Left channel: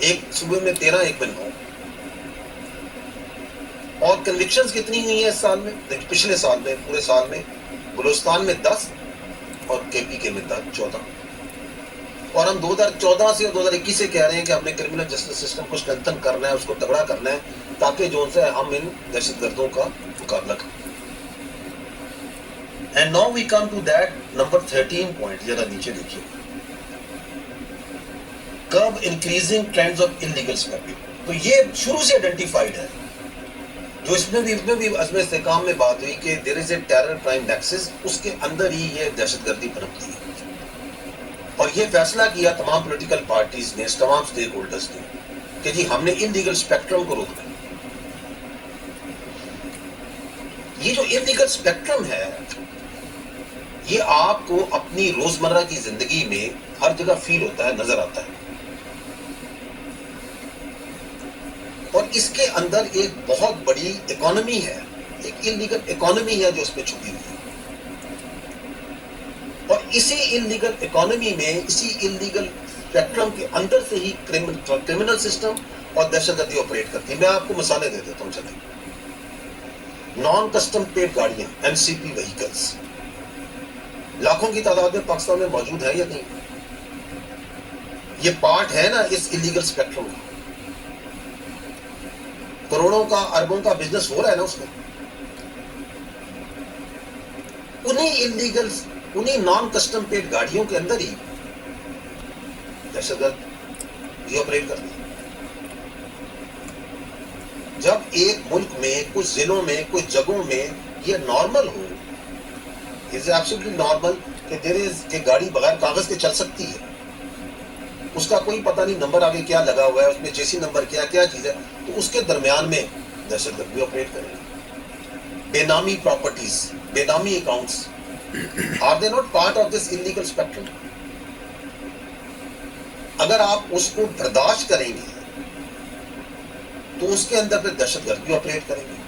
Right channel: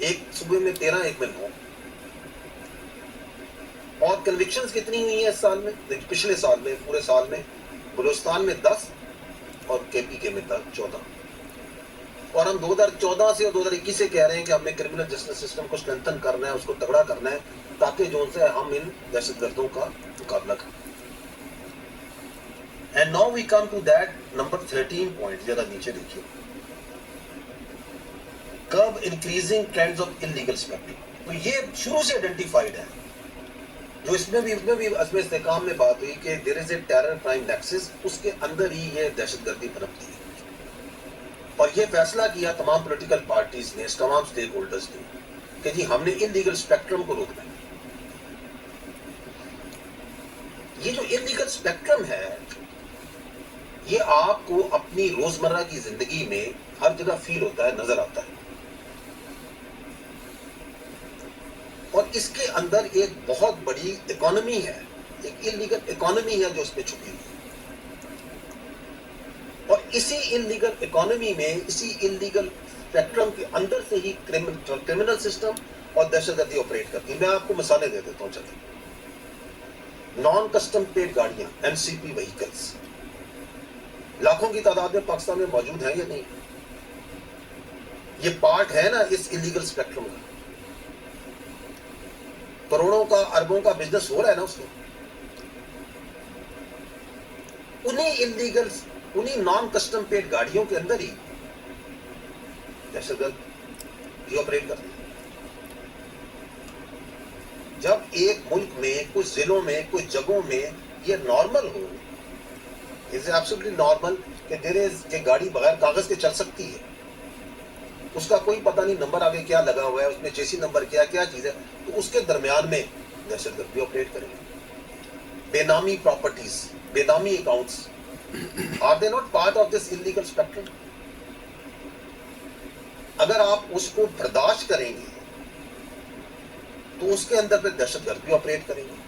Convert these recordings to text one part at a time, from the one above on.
ایک صوبے میں 13, ایک میں 9. اور کنوکشنز کتنی ہوئی ہیں اس سال میں؟ پچھلے سال میں, پورے سال میں بلوچستان میں 10 اور کے پی کے میں 14. اور ہم 2014 سے 2021 سے کہہ رہے ہیں کہ ہم نے کرمنل جسٹس سسٹم کو اسٹرینتھن کرنا ہے, اس کو تگڑا کرنا ہے, تاکہ جو ان سے ہم ان دہشت گردوں کا مقابلہ کریں. And now we come to that number 13 point, ذرا نیچے دیکھیے, curb increasing trends of illegal smuggling. تو یہ شروع سے آئیڈینٹیفائڈ ہے, جو اس میں بھی عزم استحکام میں بات ہوئی کہ دیر از اے ٹیرر پرائم نیکسس, اس کے اندر ہی یہ دہشت گردی پنپتی ہے. اور یہ فیصلہ کیا تمام پولیٹیکل پارٹیز نے, تمام اسٹیک ہولڈرز نے, کہ جی ہم نے انلیگل اسپیکٹرم کو روکنا. یہ جو انلیگل اسپیکٹرم ہے, یہ آپ کو اپنی روزمرہ کی زندگی میں ہر جگہ فیل ہوتا ہے, نظر آتا ہے. اور اس کے اندر ایک بہت بڑی اکانومی ہے, ایک انلیگل اکانومی ہے جو اس میں چھپی ہوئی ہے. اور اسی انلیگل اکانومی میں, اسی انلیگل اسپیکٹرم کے اندر سے ہی کرمنل سسٹم اور دہشت گردی آپریٹ کرتی ہے. میں آپ کو مثالیں دے دیتا ہوں. چلیے, نان کسٹم پیڈ گاڑیاں, این سی پی وہیکلس, لاکھوں کی تعداد میں پاکستان میں موجود ہے یا نہیں؟ یہ پارٹ ہے نا اس انلیگل اسپیکٹرم کا. کروڑوں کا, اربوں کا بزنس ہو رہا ہے نا اس میں. انہی نان کسٹم پیڈ گاڑیوں کے اندر ہی دہشت گرد یہ آپریٹ کرتے ہیں. جب ایک ملک میں, کچھ ضلعوں میں, کچھ جگہوں میں یہ normal who, is absolutely normal کہ یہ گاڑی بغیر کاغذ کے چل سکتی ہے, اس کا کوئی پتہ نہیں نمبر آگے کیا لگا ہوا ہے, اس میں جیسی نمبر کیا چیز ہے, تو اس کے درمیان میں دہشت گردی آپریٹ کرے. بے نامی پراپرٹیز, بے نامی accounts, are they not part of this illegal spectrum? اگر آپ اس کو برداشت کریں گے تو اس کے اندر پھر دہشت گردی آپریٹ کریں گے.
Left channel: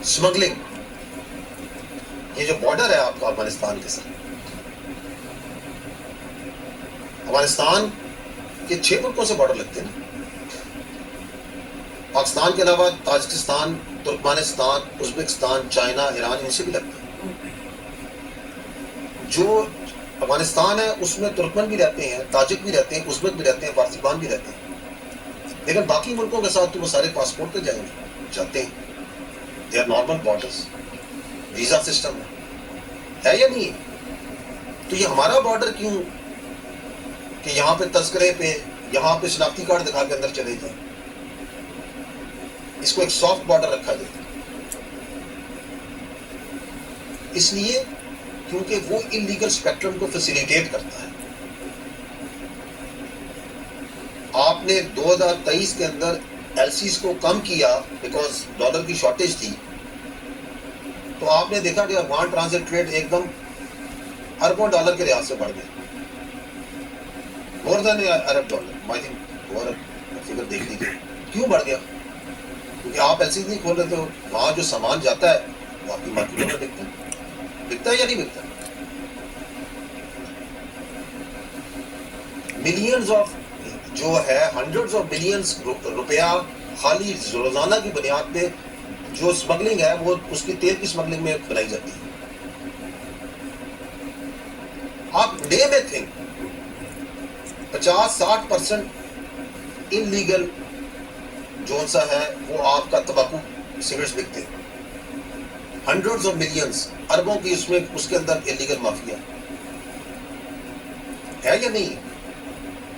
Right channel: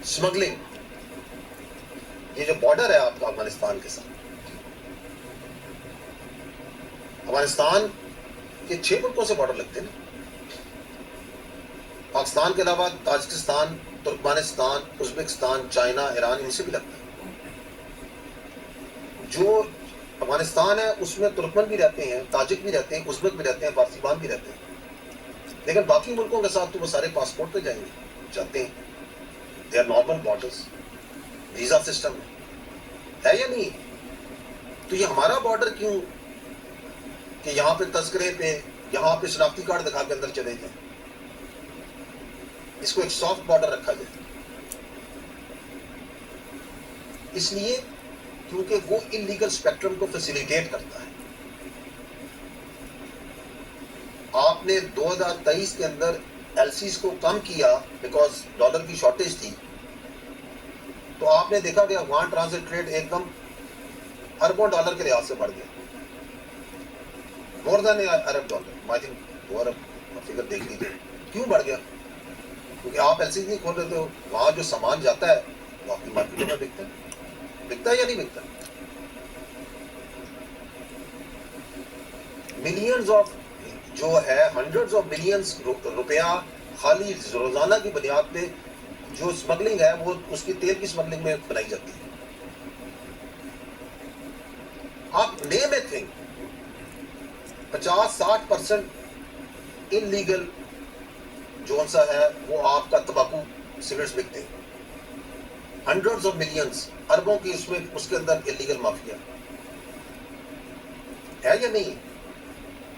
اسمگلنگ, یہ جو بارڈر ہے آپ کا افغانستان کے ساتھ, افغانستان کے 6 ملکوں سے بارڈر لگتے ہیں نا. پاکستان کے علاوہ Tajikistan, Turkmenistan, Uzbekistan, China, Iran, ان سے بھی لگتے ہیں. جو افغانستان ہے اس میں ترکمن بھی رہتے ہیں, تاجک بھی رہتے ہیں, ازبک بھی رہتے ہیں, فارسی بھی رہتے ہیں. لیکن باقی ملکوں کے ساتھ تو وہ سارے پاسپورٹ پہ جائیں گے, چلتے ہیں. They are normal borders, visa system ہے یا نہیں؟ تو یہ ہمارا بارڈر کیوں کہ یہاں پہ تذکرے پہ, یہاں پہ شناختی کارڈ دکھا کے اندر چلے جائیں, اس کو ایک سافٹ بارڈر رکھا جائے. اس لیے کیونکہ وہ انلیگل اسپیکٹرم کو فیسیلیٹیٹ کرتا ہے. آپ نے 2023 کے اندر ایل سیز کو کم کیا بیکاز ڈالر کی شارٹیج تھی, تو آپ نے دیکھا کہ افغان ٹرانزٹ ریٹ ایک دم اربوں ڈالر کے لحاظ سے بڑھ گیا, مور دین ارب ڈالر. آئی تھنک فگر دیکھ لیجیے کیوں بڑھ گیا, کیونکہ آپ ایل سیز نہیں کھول رہے, تو وہاں جو سامان جاتا ہے وہ آپ کی مارکیٹوں میں بکتا ہے یا نہیں بکتا؟ ملینز آف جو ہے, ہنڈریڈز آف بلینز روپیہ خالی روزانہ کی بنیاد پہ جو اسمگلنگ ہے وہ اس کی تیل کی اسمگلنگ میں بنائی جاتی ہے. آپ ڈے میں تھے 50-60% انلیگل جو سا ہے وہ آپ کا تمباکو سگریٹس بکتے ہیں. ہنڈریڈز آف ملینز, اربوں کی اس میں, اس کے اندر انلیگل مافیا ہے یا نہیں؟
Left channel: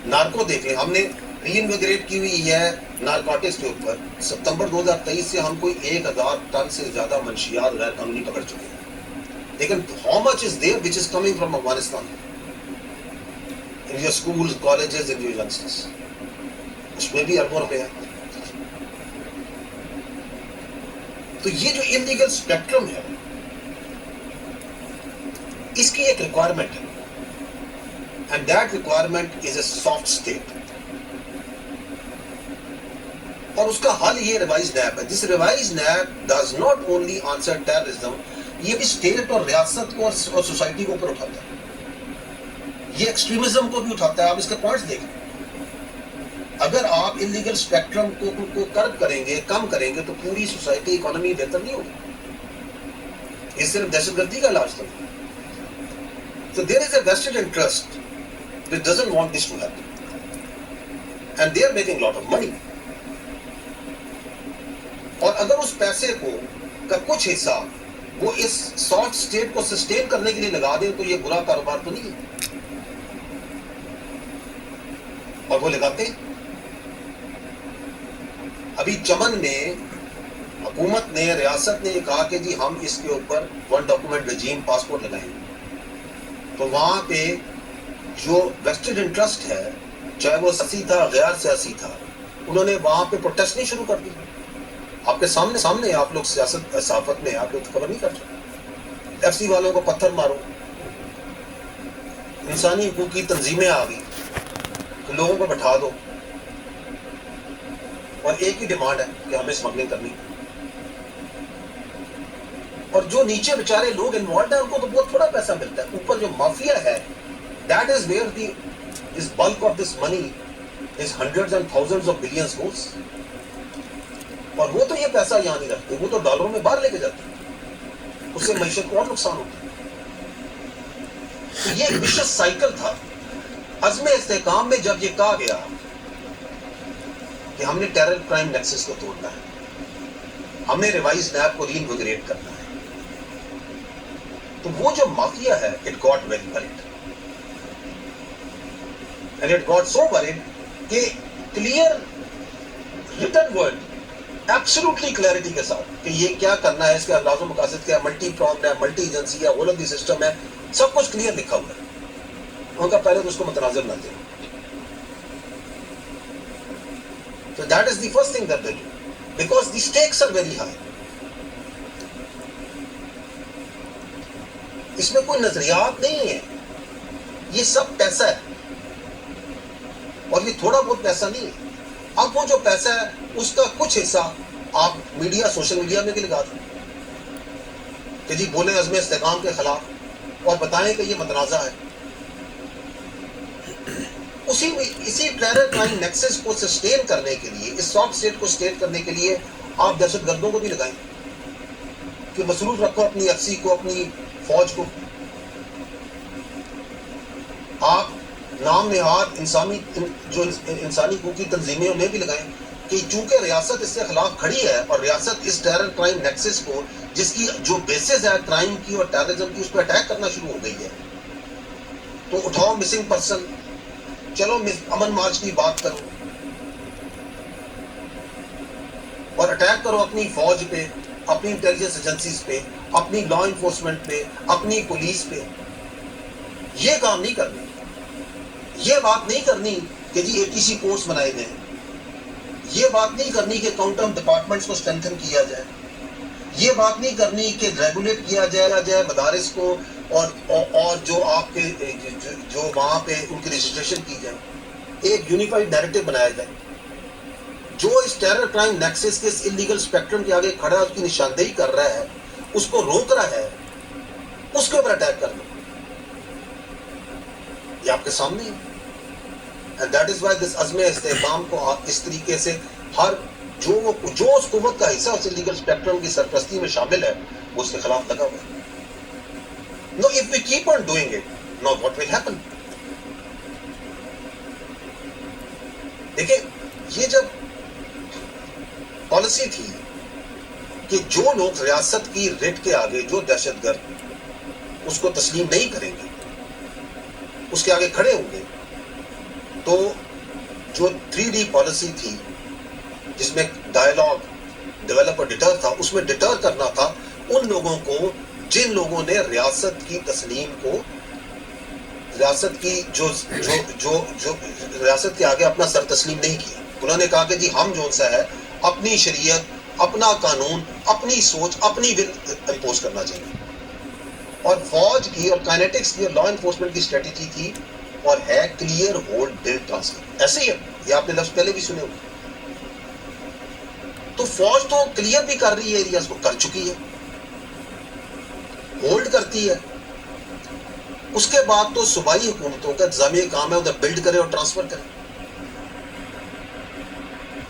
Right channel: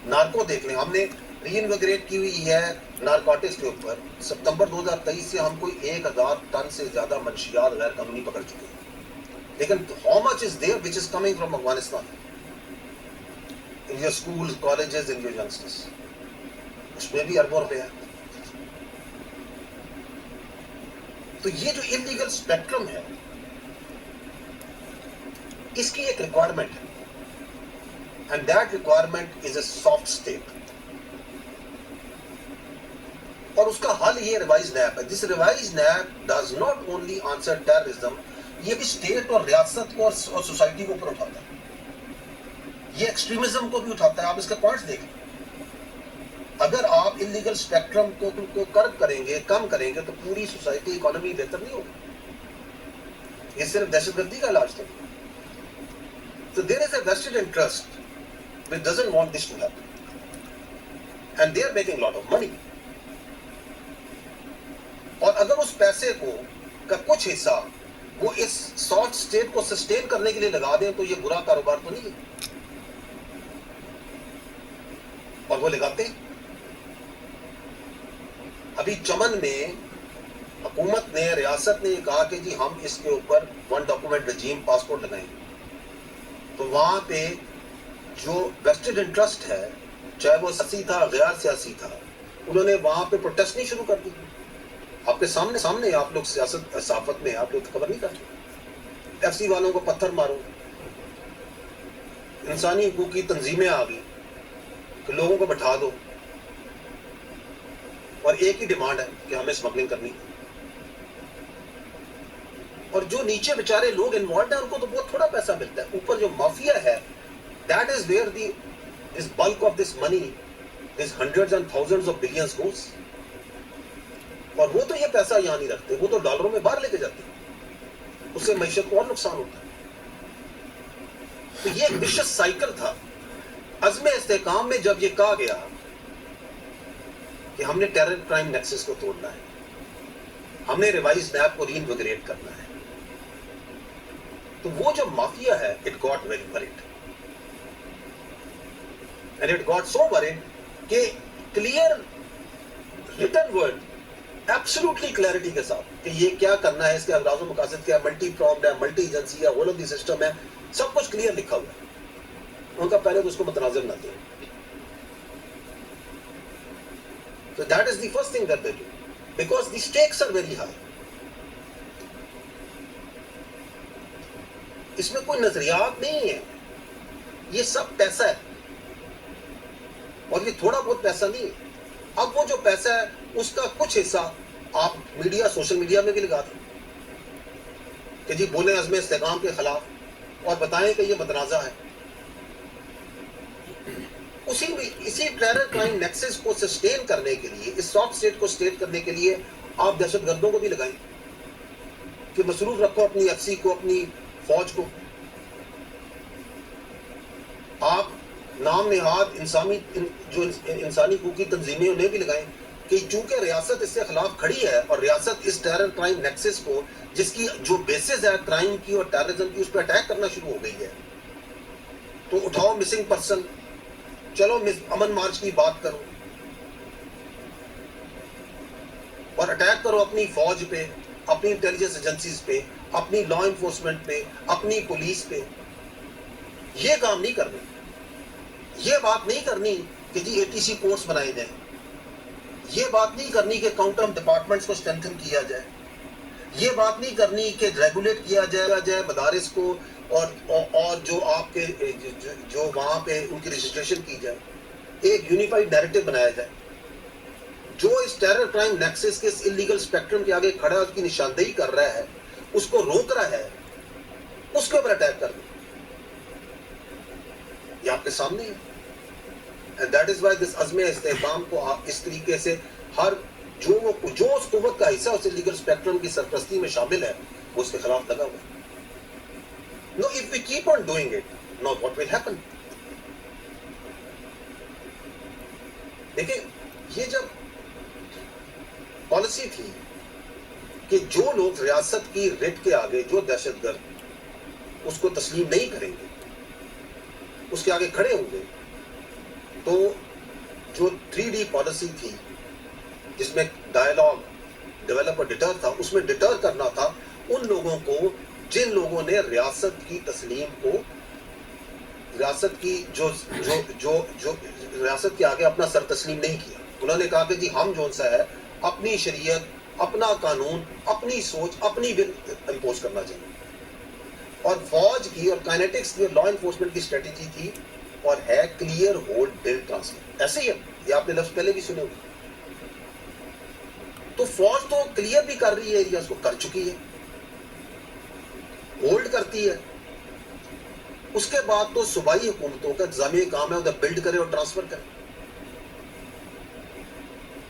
نارکو دیکھ لیں, ہم نے ری انویگریٹ کی ہوئی ہے نارکوٹکس کے اوپر. ستمبر 2023 سے ہم کوئی 1000 ٹن سے زیادہ منشیات غیر قانونی پکڑ چکے ہیں. لیکن how much is there which is coming from Afghanistan in your schools, colleges, in your universities? اس میں بھی اربوں روپے ہیں. تو یہ جو انلیگل اسپیکٹرم ہے, اس کی ایک ریکوائرمنٹ ہے, and that requirement is a soft state. اور اس کا حل یہ ریوائز نیب ہے. This revise NAB does not only answer terrorism, یہ بھی اسٹیٹ اور ریاست کو اور سوسائٹی کو اوپر اٹھاتا ہے, یہ ایکسٹریمزم کو بھی اٹھاتا ہے. آپ اس کے پوائنٹس دیکھیں, اگر آپ انلیگل اسپیکٹرم کو کرب کریں گے, کم کریں گے, تو پوری سوسائٹی اکانومی بہتر نہیں ہوگی. یہ صرف دہشت گردی کا علاج تو ہے. So there is a vested interest which doesn't want this to happen, and they are making a lot of money. اور اگر اس پیسے کا کچھ حصہ وہ اس سافٹ اسٹیٹ کو سسٹین کرنے کے لیے لگا دیں تو یہ برا کاروبار تو نہیں ہے, اور وہ لگاتے. ابھی چمن میں حکومت نے, ریاست نے یہ کہا کہ جی ہم اس کے اوپر ون ڈاکومنٹ رجیم پاسپورٹ لگائیں گے, تو وہاں پہ جو ویسٹڈ انٹرسٹ ہے, چاہے وہ سیاسی تھا غیر سیاسی تھا, انہوں نے وہاں پہ پروٹیسٹنگ شروع کر دی. آپ کے سامنے آپ لوگ سیاست صحافت میں آپ لوگ خبر نہیں کرتے. ایف سی والوں کو پتھر مارو, انسانی حقوق کی تنظیمیں آ گئی تو لوگوں کو بٹھا دو, اور ایک ہی ڈیمانڈ ہے کہ ہمیں اسمگلنگ کرنی. اور جو نیچے بیچارے لوگ انوالوڈ ہیں ان کو تو بہت تھوڑا پیسہ ملتا ہے. اوپر جو مافیا ہے, that is where the is bulk of this money is hundreds and thousands of billions goes. اور وہ تو یہ پیسہ یہاں نہیں رکھتے, وہ تو ڈالروں میں باہر لے کے جاتے ہیں, اس سے معیشت کو اور نقصان ہوتا ہے. تو یہ ایک وشس سائیکل تھا. عزم استحکام میں جب یہ کہا گیا کہ ہم نے ٹیرر کرائم نیکسس کو توڑنا ہے, ہم نے ریوائز نیب کو ری انویگریٹ کرنا ہے, تو وہ جو مافیا ہے, it got very word, and it got so word کہ clear written word absolutely clarity کے ساتھ کہ یہ کیا کرنا ہے, اس کے انداز و مقاصد کیا ہے, ملٹی پرامڈ ہے, ملٹی ایجنسی ہے, all of the سسٹم ہے, سب کچھ کلیئر لکھا ہوا ہے. ان کا پہلے تو اس کو متنازع نہ دیں. So that is the first thing that they do, because the stakes are very high. اس میں کوئی نظریات نہیں ہے, یہ سب پیسہ ہے, اور یہ تھوڑا بہت پیسہ نہیں ہے. اب وہ جو پیسہ ہے اس کا کچھ حصہ آپ میڈیا, سوشل میڈیا میں بھی لگا دیں کہ جی بولیں عزم استحکام کے خلاف, اور بتائیں کہ یہ متنازع ہے. اسی ٹیرر کرائم نیکسس کو سسٹین کرنے کے لیے, اس سافٹ اسٹیٹ کو سسٹین کرنے کے لیے آپ دہشت گردوں کو بھی لگائیں کہ مصروف رکھو اپنی ایف سی کو, اپنی فوج کو. آپ نام نہاد جو انسانی حقوق کی تنظیمیں انہیں بھی لگائیں کہ چونکہ ریاست اس کے خلاف کھڑی ہے, اور ریاست اس ٹیرر کرائم نیکسس کو, جس کی جو بیسز ہے کرائم کی اور ٹیررزم کی, اس پہ اٹیک کرنا شروع ہو گئی ہے, تو اٹھاؤ مسنگ پرسن, چلو امن مارچ کی بات کرو, اور اٹیک کرو اپنی فوج پہ, اپنی انٹیلیجنس ایجنسیز پہ, اپنی لا انفورسمنٹ پہ, اپنی پولیس پہ. یہ کام نہیں کرنی. یہ بات نہیں کرنی کہ جی اے ٹی سی کورس بنائے جائیں. یہ بات نہیں کرنی کہ کاؤنٹر ڈپارٹمنٹس کو اسٹرینتھن کیا جائے. یہ بات نہیں کرنی کہ ریگولیٹ کیا جائے مدارس کو, اور جو آپ کے جو وہاں پہ ان کی رجسٹریشن کی جائے. ایک یونیفائڈ نیریٹو بنایا جائے جو اس ٹیرر کرائم نیکسس کے اس انلیگل اسپیکٹرم کے آگے کھڑا, اس کی نشاندہی کر رہا ہے, اس کو روک رہا ہے, اس کے اوپر اٹیک کر دو. یہ آپ کے سامنے ہے. And that is why this عزم استحکام کو اس طریقے سے ہر جو اس قوت کا حصہ اس انلیگل اسپیکٹرم کی سرپرستی میں شامل ہے, وہ اس کے خلاف لگا ہوا ہے. No, if we keep on doing it, now what will happen? دیکھیں, یہ جب پالیسی تھی کہ جو لوگ ریاست کی ریٹ کے آگے, جو دہشت گرد اس کو تسلیم نہیں کریں گے, اس کے آگے کھڑے ہوں گے, تو جو 3D پالیسی تھی جس میں ڈائلاگ, ڈیولپ اور ڈیٹر تھا, اس میں ڈیٹر کرنا تھا ان لوگوں کو جن لوگوں نے ریاست کی تسلیم کو, ریاست کی جو ریاست کے آگے اپنا سر تسلیم نہیں کیا. انہوں نے کہا کہ جی ہم جو سا ہے اپنی شریعت, اپنا قانون, اپنی سوچ, اپنی ول امپوز کرنا چاہیے. اور فوج کی اور کائنیٹکس کی اور لا انفورسمنٹ کی اسٹریٹجی تھی, اور ہے کلیئر ہولڈ بلڈ ٹرانسفر. ایسے ہی ہے, یہ آپ نے لفظ پہلے بھی سنے ہوگا. تو فوج تو کلیئر بھی کر رہی ہے, ایریاز کو کر چکی ہے, ہولڈ کرتی ہے. اس کے بعد تو صوبائی حکومتوں کا انتظامی کام ہے ادھر بلڈ کرے اور ٹرانسفر کرے.